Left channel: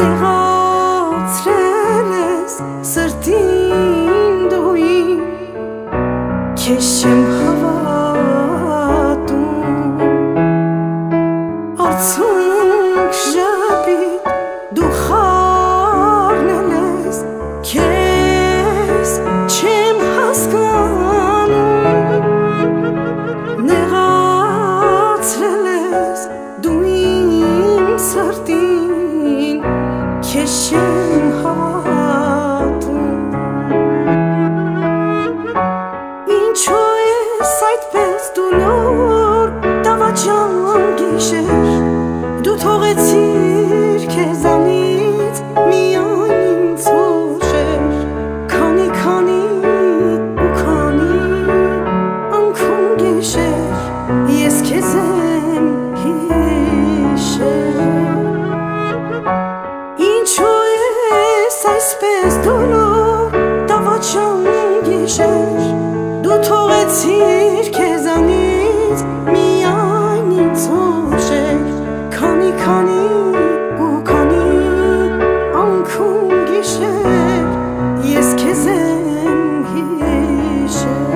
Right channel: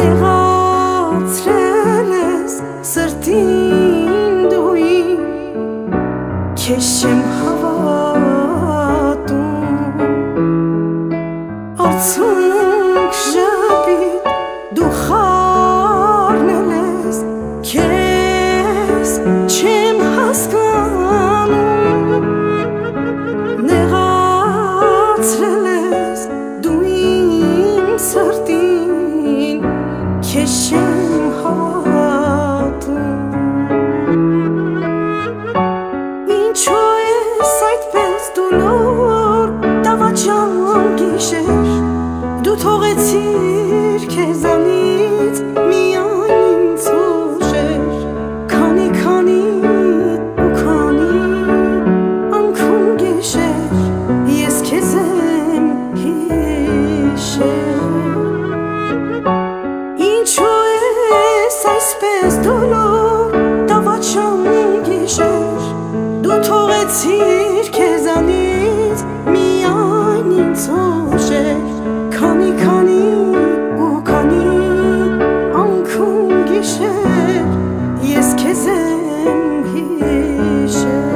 Նեղացրել ես սրտին դույն Քեզ չեմ հավատում Արցունք ժպիտ դու խառնել ես Քեզ չեմ հասկանում Նեղացրել ես դու իմ սրտին Քեզ չեմ հավատում Ինչու ես այդպես դուլոր Տավաճան գիշեր Դու թողեցիր քեզանից միայն ինձ ուժեր Քանի ու քանի անգամ գիշեր Ես քեզ եմ հիշել Ինչու ես այսպես դոլոր Տավաճան գիշեր Դու թողեցիր քեզանից միայն ինձ ուժեր Քանի ու քանի անգամ գիշեր Ես քեզ եմ հիշել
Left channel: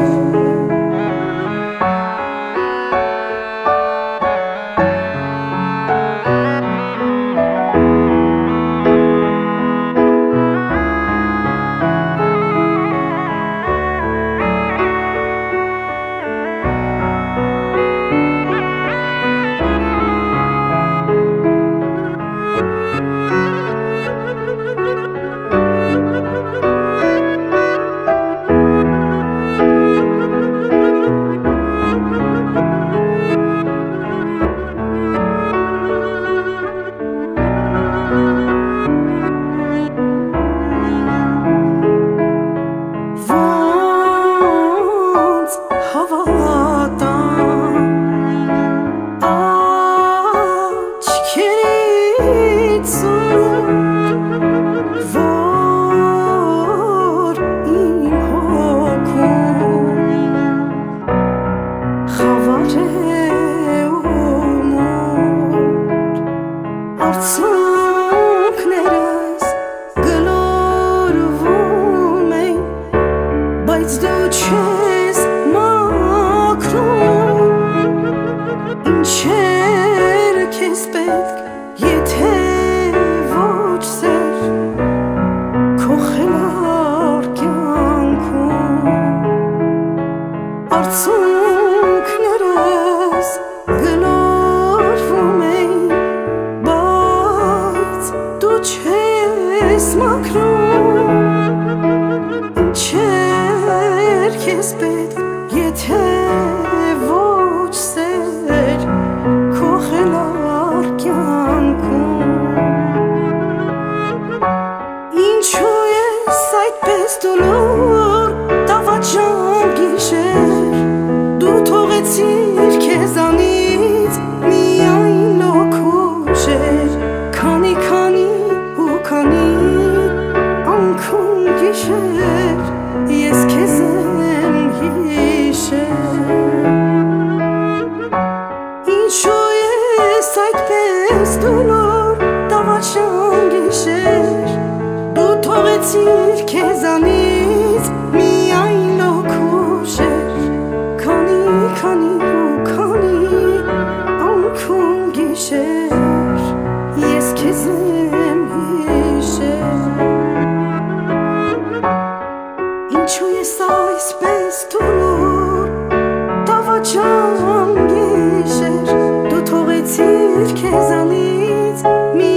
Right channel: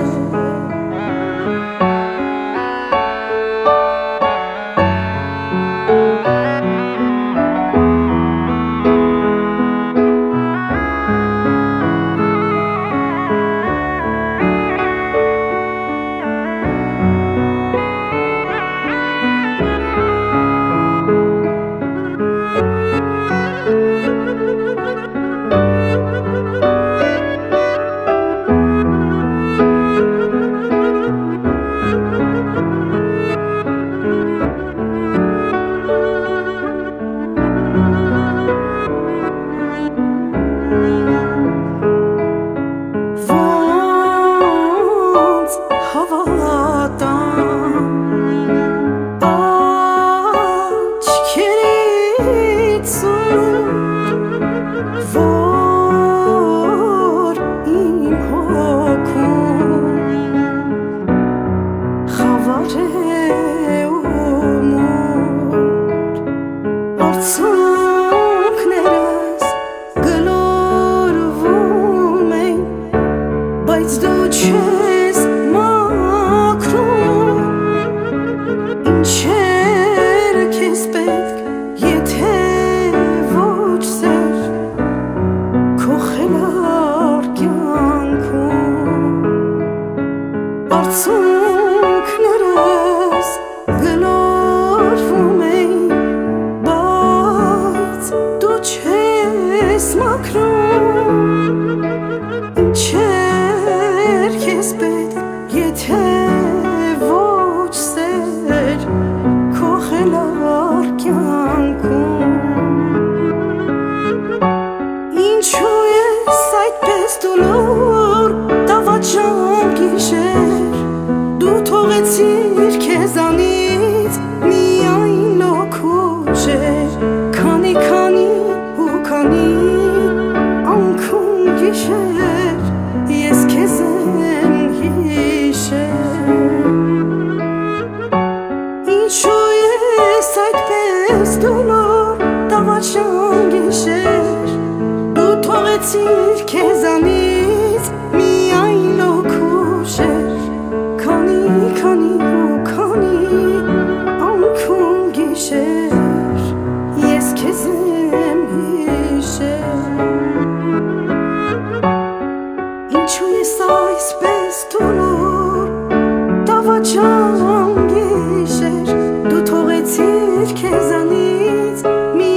Հավատամ աչքերից որ իմ հոգում խավար է ու մոր արցունքներս գլորվում են բայց դու չես Ինչեր քեզ պետք, եթե ոչ սեր Քո խելառ կյանքում Արցունքներս գլորվում են Բայց դու չես մաքրում Ինչեր քեզ պետք, եթե ոչ սեր Քո խելառ կյանքում Ինչու ես այդպես դուլոր Տավաճան գիշեր Դու թողեցիր քեզանից միայն լոք ուժեր Քանի ու քանի անգամ գիշեր Ես քեզ եմ հիշել Ինչու ես այդպես դուլոր Տավաճան գիշեր Դու թողեցիր քեզանից միայն լոք ուժեր Քանի ու քանի անգամ գիշեր Ես քեզ եմ հիշել Ինչու ես այսպես դուլոր Տավաճան գիշեր Դու թողեցիր քեզանից մի